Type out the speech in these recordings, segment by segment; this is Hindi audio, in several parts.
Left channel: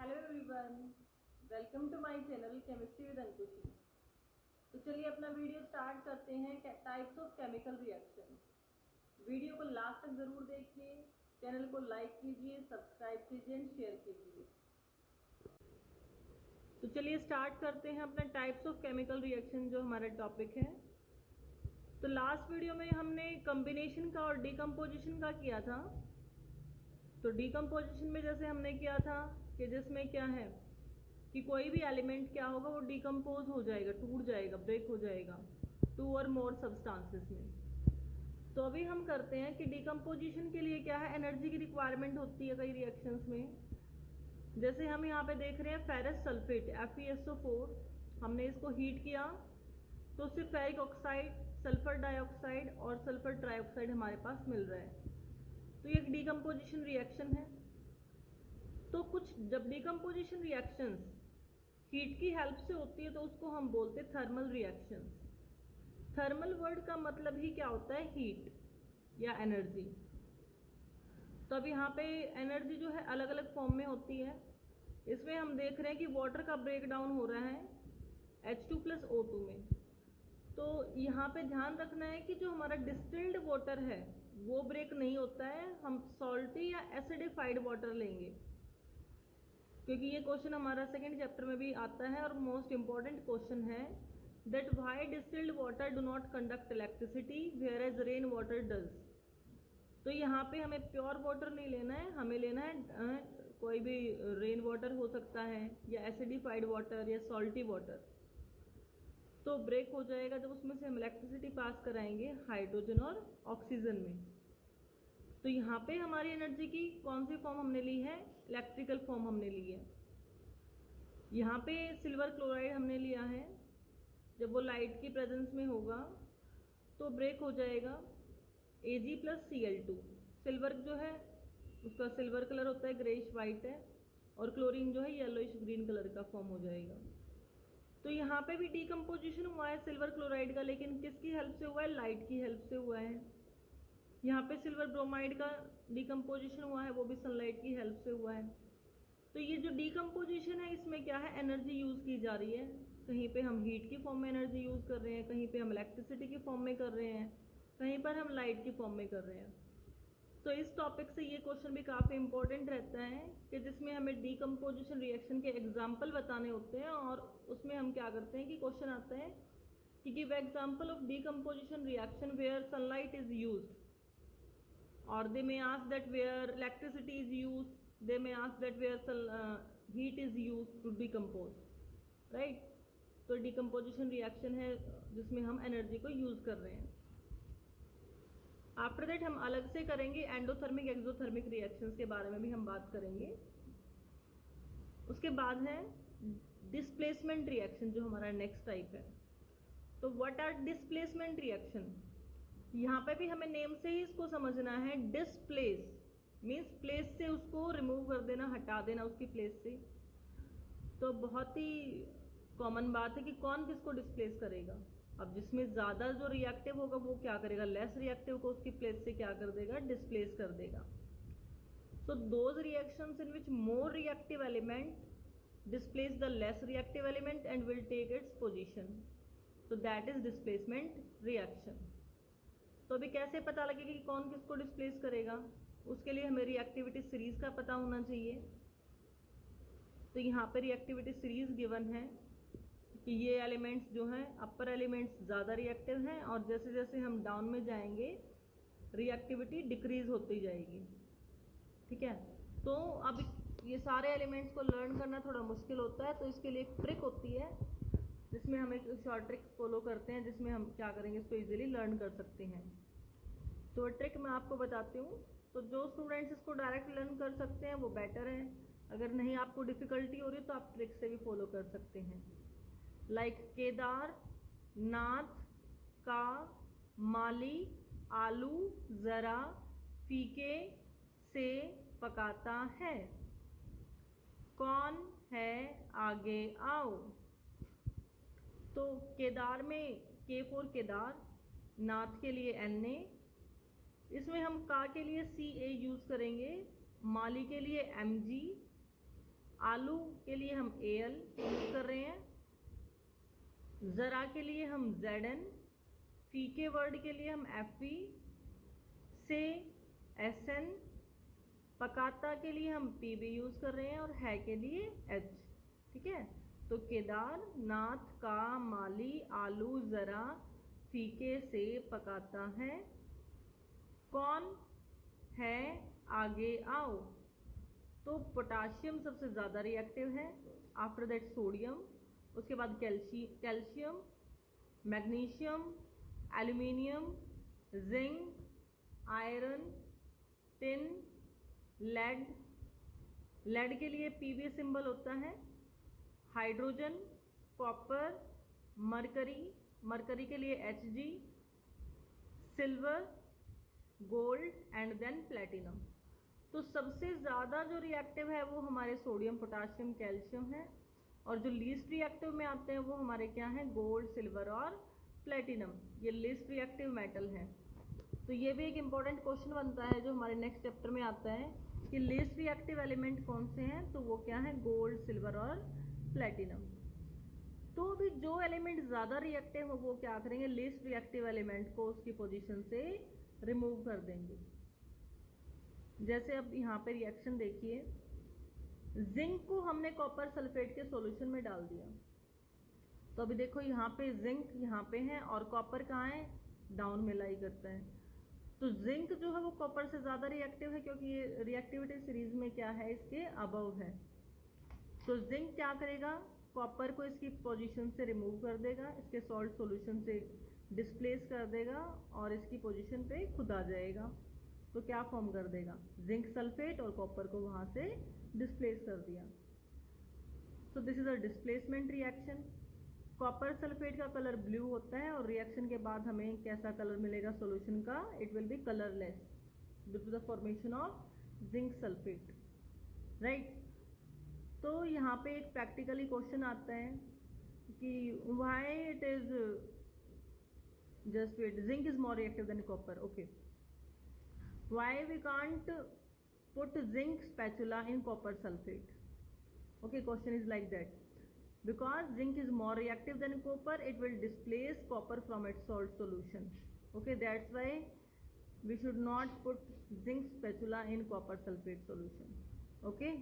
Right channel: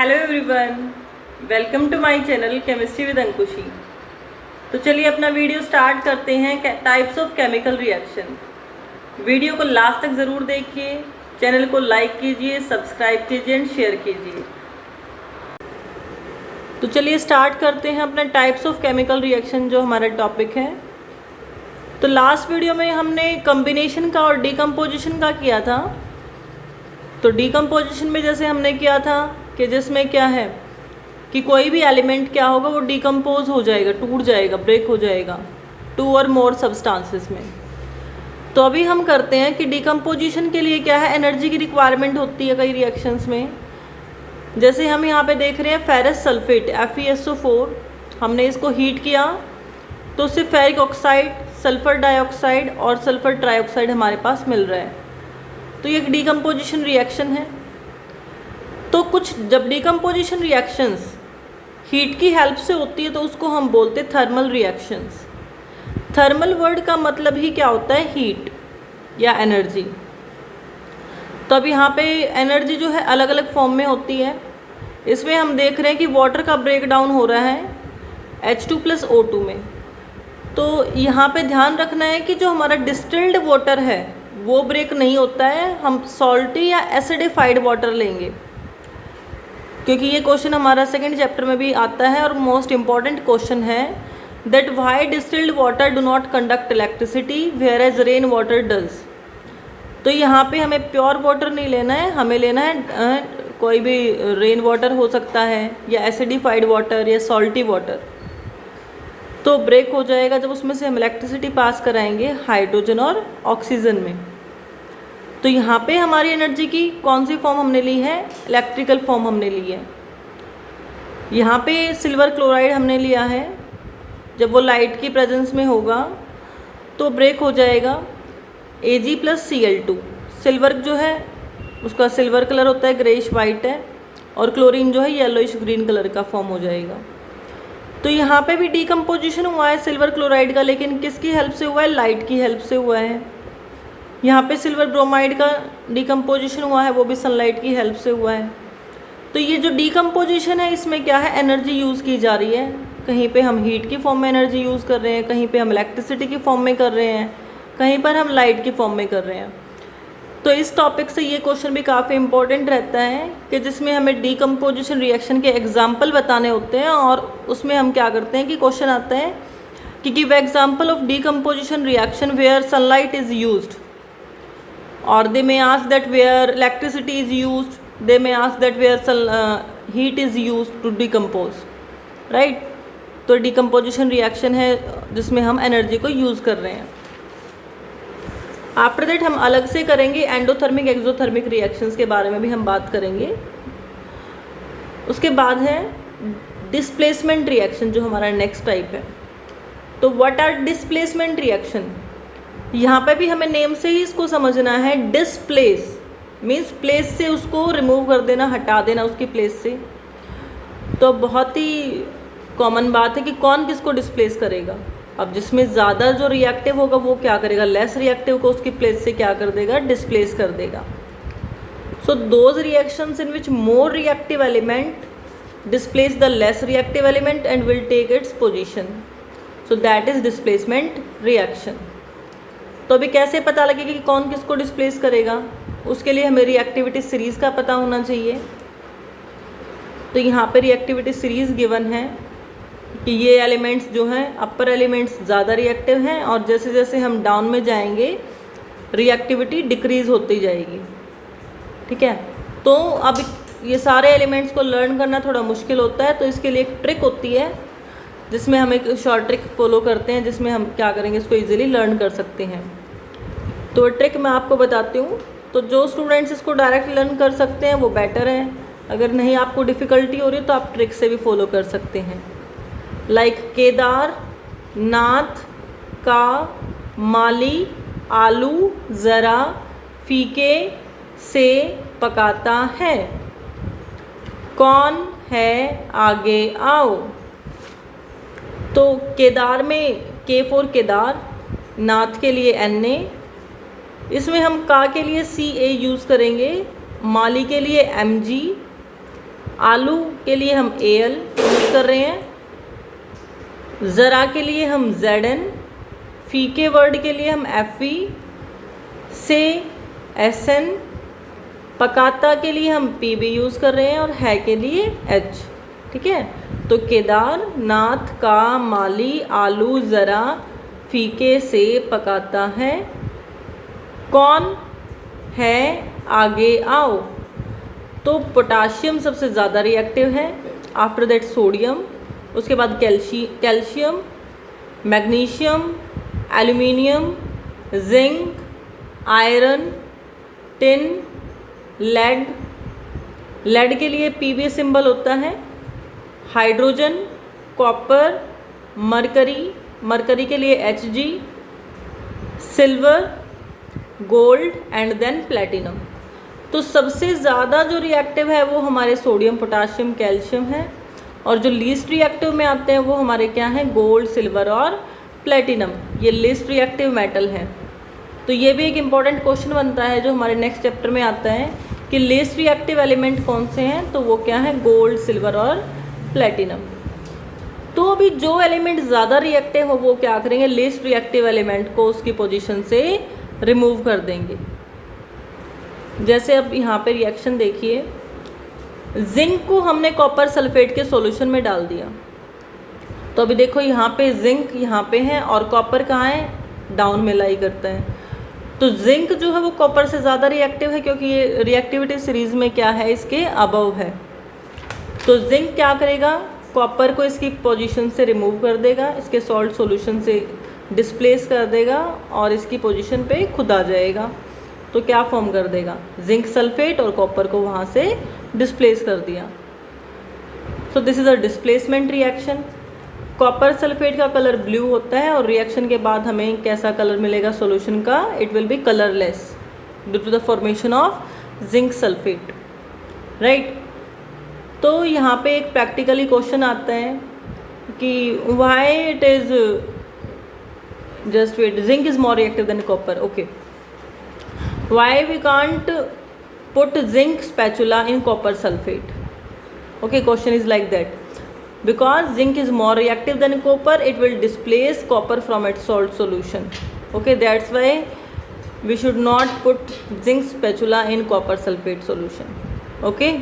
Hello everyone, welcome to my channel chemistry with Ankushi. तो चलिए अपना वीडियो स्टार्ट करते हैं। Types of chemical reaction. Video को लास्ट तक ज़रूर देखिए, चैनल को लाइक कीजिए, सब्सक्राइब कीजिए एंड शेयर कीजिए। तो चलिए स्टार्ट करते हैं अपना टाइप्स ऑफ केमिकल रिएक्शन, जो हमारा टॉपिक है। तो लास्ट वीडियो में हमने कम्बिनेशन का और डिकम्पोजिशन का किया था। तो डिकम्पोजिशन में जैसे हमने किया था कि जिसमें क्या है कि कोई भी एलिमेंट क्या होगा, वो डिकम्पोज हो जाएगा, टूट जाएगा, ब्रेक हो जाएगा टू और मोर सब्सटेंसेस में। तो अभी हम करते हैं कि डिकम्पोजिशन के लिए क्या है, एनर्जी की रिक्वायरमेंट होती है कई रिएक्शंस में। जैसे हम यहाँ पे देख रहे हैं फेरस सल्फेट FeSO4, हमने इसको हीट किया तो उससे फेरिक ऑक्साइड, सल्फर डाइऑक्साइड और सल्फर ट्राइऑक्साइड हमारे पास मिल रहा है। तो ये एक डिकम्पोजिशन रिएक्शन है। तो कुछ जब डिकम्पोजिशन रिएक्शंस हीट की हेल्प से होती है तो उसको हम बोलते हैं थर्मल रिएक्शंस। थर्मल वर्ड का मतलब ही क्या होता है, हीट या एनर्जी। तो अब यहाँ पे एनर्जी जो है अलग अलग फॉर्म में होती है। इसमें हम देख रहे हैं कि वाटर का ब्रेक डाउन हो रहा है H2+O2 में। तो यहाँ पे ध्यान रखना है कि जो हमारा डिस्टिल्ड वाटर है वो ब्रेक नहीं होता है, हम सॉल्टी या एसिडिफाइड वाटर लेंगे, क्योंकि ये क्वेश्चन हमारा सेकंड चैप्टर में भी आता है और मोस्ट इम्पॉर्टेंट क्वेश्चन है that why distilled water do not conduct electricity whereas rain water does. तो यहाँ पे हमें प्योर वाटर नहीं लेना है, हमें लेना है कोई भी रेन वाटर हो सकता है या एसिडिफाइड वाटर या सॉल्टी वाटर। तो ब्रेक हो जाएगा जब उसमें से हम इलेक्ट्रिसिटी पास कराएंगे हाइड्रोजन और ऑक्सीजन में। तो यहाँ पे हमारी एनर्जी की कौन सी फॉर्म हमने ली है, इलेक्ट्रिकल फॉर्म हमने ली है। यहाँ पे सिल्वर क्लोराइड हमने लिया है, जब वो लाइट की प्रेजेंस में होगा तो ब्रेक हो जाएगा Ag+Cl2। सिल्वर जो है उसका सिल्वर कलर होता है, ग्रेइश वाइट है, और क्लोरीन जो है येलोइश ग्रीन कलर का फॉर्म हो जाएगा। तो यहाँ पे भी डिकम्पोजिशन हुआ है सिल्वर क्लोराइड का, लेकिन किसकी हेल्प से हुआ है, लाइट की हेल्प से हुआ है। यहाँ पे सिल्वर ब्रोमाइड का डिकम्पोजिशन हुआ है, वो भी सनलाइट की हेल्प से हुआ है। तो ये जो डिकम्पोजिशन है इसमें क्या है, एनर्जी यूज़ की जा रही है। कहीं पे हम हीट की फॉर्म में एनर्जी यूज़ कर रहे हैं, कहीं पे हम इलेक्ट्रिसिटी की फॉर्म में कर रहे हैं, कहीं पर हम लाइट की फॉर्म में कर रहे हैं। तो इस टॉपिक से ये क्वेश्चन भी काफ़ी इंपॉर्टेंट रहता है कि जिसमें हमें डिकम्पोजिशन रिएक्शन के एग्जाम्पल बताने होते हैं, और उसमें हम क्या करते हैं कि क्वेश्चन आता है कि give example of decomposition reaction where sunlight is used, or they may ask that where electricity is used, they may ask that where heat is used to decompose, right? तो डिकम्पोजिशन रिएक्शन है जिसमें हम एनर्जी को यूज़ कर रहे हैं। आफ्टर दैट हम अलग से करेंगे एंडोथर्मिक एक्सोथर्मिक रिएक्शंस के बारे में भी हम बात करेंगे। उसके बाद है डिस्प्लेसमेंट रिएक्शन, जो हमारा नेक्स्ट टाइप है। तो व्हाट आर डिस्प्लेसमेंट रिएक्शन, यहाँ पे भी हमें नेम से ही इसको समझना है। डिस्प्लेस मीन्स प्लेस से उसको रिमूव कर देना, हटा देना उसकी प्लेस से। तो बहुत ही कॉमन बात है कि कौन किसको डिस्प्लेस करेगा। अब जिसमें ज़्यादा जो रिएक्टिव होगा वो क्या करेगा, लेस रिएक्टिव को उसकी प्लेस से क्या कर देगा, डिस्प्लेस कर देगा। So those reactions in which more reactive element displace the less reactive element and will take its position, so that is displacement reaction. तो अभी कैसे पता लगेगा कि कौन किसको डिस्प्लेस करेगा, उसके लिए हमें रिएक्टिविटी सीरीज़ का पता होना चाहिए। तो यहाँ पे रिएक्टिविटी सीरीज़ गिवन है कि ये एलिमेंट्स जो हैं, अपर एलिमेंट्स ज़्यादा रिएक्टिव हैं, और जैसे जैसे हम डाउन में जाएंगे रिएक्टिविटी डिक्रीज़ होती जाएगी। ठीक है, तो अब ये सारे एलिमेंट्स को लर्न करना थोड़ा मुश्किल होता है, तो इसके लिए एक ट्रिक होती है जिसमें हम एक शॉर्ट ट्रिक फॉलो करते हैं, जिसमें हम क्या करेंगे, इसको ईजिली लर्न कर सकते हैं। तो ट्रिक मैं आपको बताती हूँ। तो जो स्टूडेंट्स इसको डायरेक्ट लर्न कर सकते हैं वो बेटर है, अगर नहीं आपको डिफ़िकल्टी हो रही है तो आप ट्रिक से भी फॉलो कर सकते हैं। लाइक केदार, नाथ, का, माली, आलू ज़रा फीके से पकाता है, कौन है आगे आओ। तो केदार में K फॉर केदार, नाथ के लिए Na, इसमें हम का के लिए Ca यूज़ करेंगे, माली के लिए Mg, आलू के लिए हम Al यूज़ कर रहे हैं, ज़रा के लिए हम Zn, फीके वर्ड के लिए हम Fe, से Sn, पकाता के लिए हम Pb यूज़ कर रहे हैं और है के लिए H। ठीक है, तो केदार, नाथ, का, माली, आलू, ज़रा, फीके, से, पकाता है, कौन है, आगे आओ। तो पोटाशियम सबसे ज़्यादा रिएक्टिव है, आफ्टर दैट सोडियम, उसके बाद calcium, magnesium, aluminium, zinc, iron, tin, lead के लिए Pb सिंबल होता है, हाइड्रोजन, कॉपर, मरकरी के लिए Hg, silver, gold and then platinum. तो सबसे ज़्यादा जो रिएक्टिव है वो हमारे सोडियम, पोटाशियम, कैल्शियम है, और जो लीस्ट रिएक्टिव में आते हैं वो हमारे क्या हैं, गोल्ड, सिल्वर और प्लेटिनम। ये लीस्ट रिएक्टिव मेटल है। तो ये भी एक इम्पॉर्टेंट क्वेश्चन बनता है जो हमारे नेक्स्ट चैप्टर में आता है कि लीस्ट रिएक्टिव एलिमेंट कौन से हैं, तो वो क्या है, गोल्ड, सिल्वर और प्लेटिनम। तो अभी जो एलिमेंट ज़्यादा रिएक्टिव हो वो क्या करेंगे, लीस्ट रिएक्टिव एलिमेंट को उसकी पोजीशन से रिमूव कर देंगे। जैसे अब यहाँ पे रिएक्शन देखिए, जिंक को हमने कॉपर सल्फेट के सॉल्यूशन में डाल दिया, तो अभी देखो यहाँ पे जिंक यहाँ पे है और कॉपर कहाँ है, डाउन में लाई करता है। तो जिंक जो है वो कॉपर से ज़्यादा रिएक्टिव है क्योंकि ये रिएक्टिविटी सीरीज़ में क्या है, इसके अबव है। तो जिंक क्या करेगा, कॉपर को इसकी पोजीशन से रिमूव कर देगा, इसके सॉल्ट सॉल्यूशन से डिस्प्लेस कर देगा और इसकी पोजीशन पे खुद आ जाएगा। तो क्या फॉर्म कर देगा, जिंक सल्फेट, और कॉपर को वहाँ से डिस्प्लेस कर दिया। So this is a displacement reaction. Copper sulphate का कलर ब्लू होता है और रिएक्शन के बाद हमें कैसा कलर मिलेगा सॉल्यूशन का, it will be colourless due to the formation of zinc sulphate, right. तो यहाँ पे एक प्रैक्टिकली क्वेश्चन आता है कि why it is just wait, zinc is more reactive than copper, okay, why we can't put zinc spatula in copper sulphate, okay, question is like that, because zinc is more reactive than copper, it will displace copper from its salt solution, okay, that's why we should not put zinc spatula in copper sulfate solution, okay।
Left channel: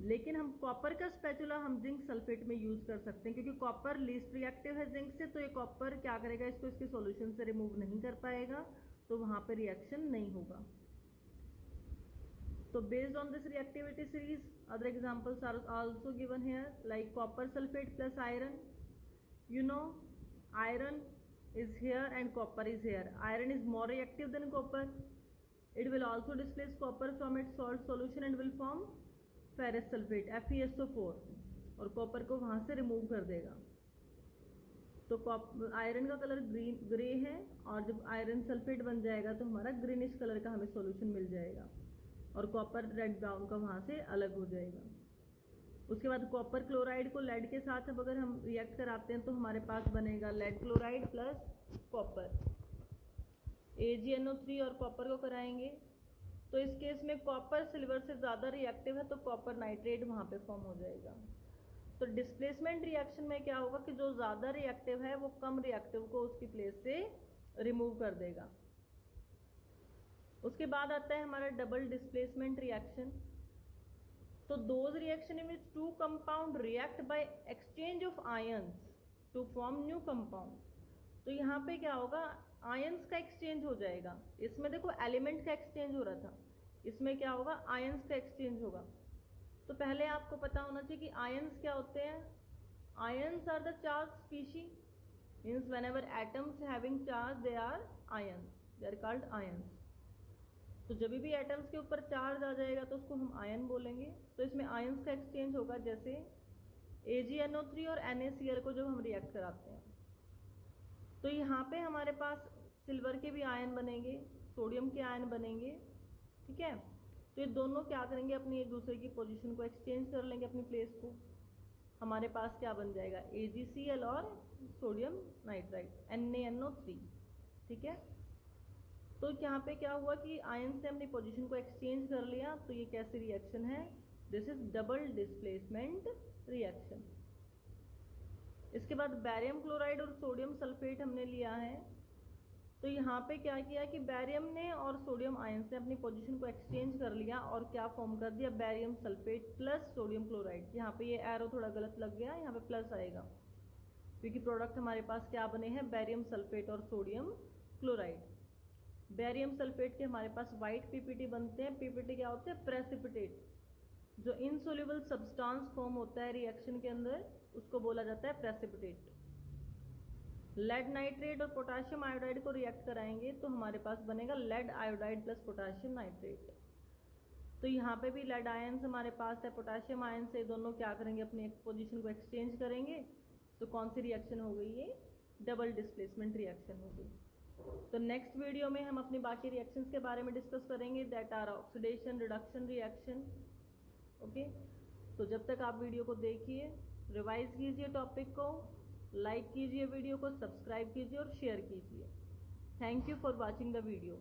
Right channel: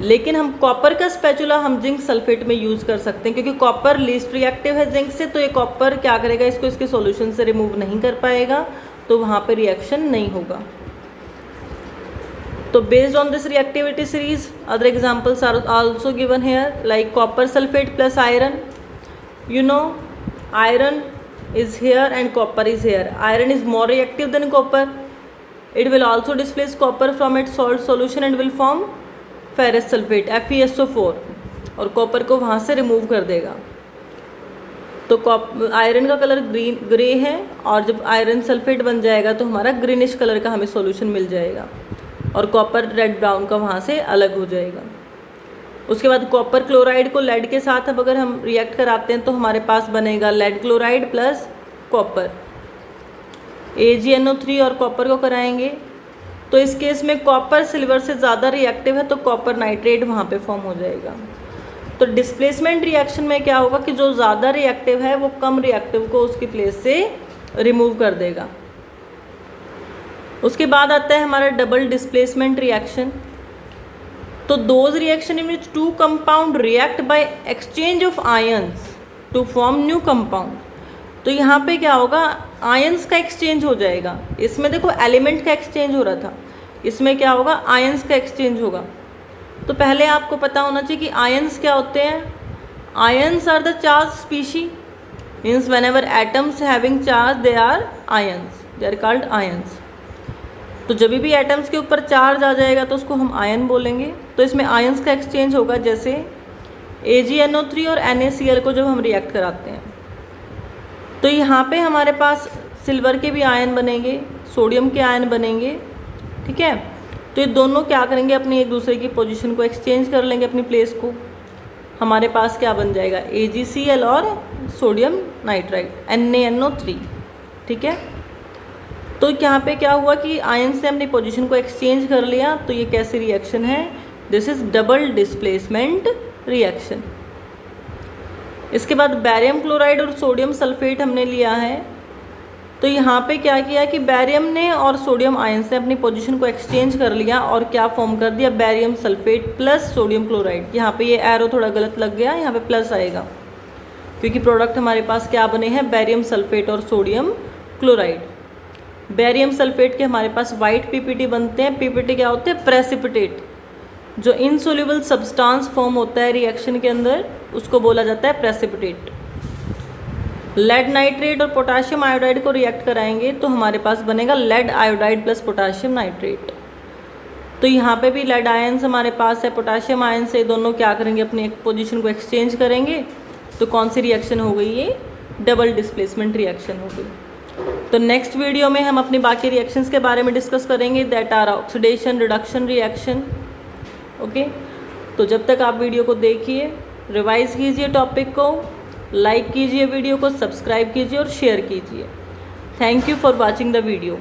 लेकिन हम कॉपर का स्पैचुला हम जिंक सल्फेट में यूज़ कर सकते हैं क्योंकि कॉपर लीस्ट रिएक्टिव है जिंक से, तो ये कॉपर क्या करेगा, इसको इसके सॉल्यूशन से रिमूव नहीं कर पाएगा, तो वहाँ पे रिएक्शन नहीं होगा। तो based on this reactivity series, other examples are also given here, like copper sulfate plus iron. You know, iron is here and copper is here. Iron is more reactive than copper. It will also displace copper from its salt solution and will form ferrous sulfate FeSO4, और कॉपर को वहाँ से रिमूव कर देगा। तो आयरन का कलर ग्रे है और जब आयरन सल्फेट बन जाएगा तो हमारा ग्रीनिश कलर का हमें सॉल्यूशन मिल जाएगा और कॉपर रेड ब्राउन का वहाँ से अलग हो जाएगा। उसके बाद कॉपर क्लोराइड को लेड के साथ अब अगर हम रिएक्ट कराते हैं तो हमारे पास बनेगा lead chloride plus copper, AgNO3 और कॉपर को कराएंगे तो इस केस में कॉपर सिल्वर से ज़्यादा रिएक्टिव है तो कॉपर नाइट्रेट वहाँ पे फॉर्म हो जाएगा। तो डिस्प्लेसमेंट रिएक्शन में क्या होगा कि जो ज़्यादा रिएक्टिव है वो कम रिएक्टिव को उसकी प्लेस से रिमूव कर देगा। उसके बाद आता है हमारा डबल डिस्प्लेसमेंट रिएक्शन। तो those reaction in which two compound react by exchange of ions to form new compound. तो यहाँ पे क्या होगा, आयंस का एक्सचेंज हो जाएगा। इसमें देखो एलिमेंट का एक्सचेंज हो रहा था, इसमें क्या होगा, आयंस का एक्सचेंज होगा। तो पहले आपको पता होना चाहिए कि आयंस क्या होते हैं। Ions are the charge species, means whenever atoms having charge they are ions, they are called ions. तो जब भी एटम्स के ऊपर चार्ज आ जाएगा तो उसको हम आयन बोलेंगे। तो इसमें आयंस का एक्सचेंज होगा, जैसे AgNO3 और NaCl को जब हम रिएक्ट कराते हैं तो यहाँ पे हमारे पास सिल्वर के भी आयन बनेंगे, सोडियम के आयन बनेंगे, ठीक है। तो ये दोनों क्या करेंगे, अपनी एक दूसरे की पोजीशन को एक्सचेंज कर लेंगे, अपनी प्लेस को। हमारे पास क्या बन जाएगा, AgCl और सोडियम नाइट्राइड NaNO3, ठीक है। तो यहाँ पे क्या हुआ कि आयन से हमने पोजीशन को एक्सचेंज कर लिया। तो ये कैसी रिएक्शन है, this is double displacement reaction. इसके बाद बैरियम क्लोराइड और सोडियम सल्फेट हमने लिया है। तो यहाँ पे क्या किया कि बैरियम ने और सोडियम आयंस ने अपनी पोजीशन को एक्सचेंज कर लिया और क्या फॉर्म कर दिया, barium sulphate plus sodium chloride. यहाँ पे ये एरो थोड़ा गलत लग गया, यहाँ पे प्लस आएगा क्योंकि प्रोडक्ट हमारे पास क्या बने हैं, बैरियम सल्फेट और सोडियम क्लोराइड। बैरियम सल्फेट के हमारे पास वाइट पीपीटी बनते हैं। पीपीटी क्या होते हैं, प्रेसिपिटेट। जो इनसोल्यूबल सब्सटेंस फॉर्म होता है रिएक्शन के अंदर उसको बोला जाता है प्रेसिपिटेट। लेड नाइट्रेट और पोटाशियम आयोडाइड को रिएक्ट कराएंगे तो हमारे पास बनेगा lead iodide plus potassium nitrate. तो यहाँ पे भी लेड आयंस हमारे पास है, पोटाशियम आयन से दोनों क्या करेंगे, अपनी एक पोजीशन को एक्सचेंज करेंगे। तो कौन सी रिएक्शन हो गई, ये डबल डिस्प्लेसमेंट रिएक्शन हो गई। तो नेक्स्ट वीडियो में हम अपनी बाकी रिएक्शंस के बारे में डिस्कस करेंगे, that are oxidation reduction reaction. Okay, तो जब तक आप वीडियो को देखिए, रिवाइज कीजिए टॉपिक को, लाइक कीजिए वीडियो को, सब्सक्राइब कीजिए और शेयर कीजिए। Thank you for watching the video.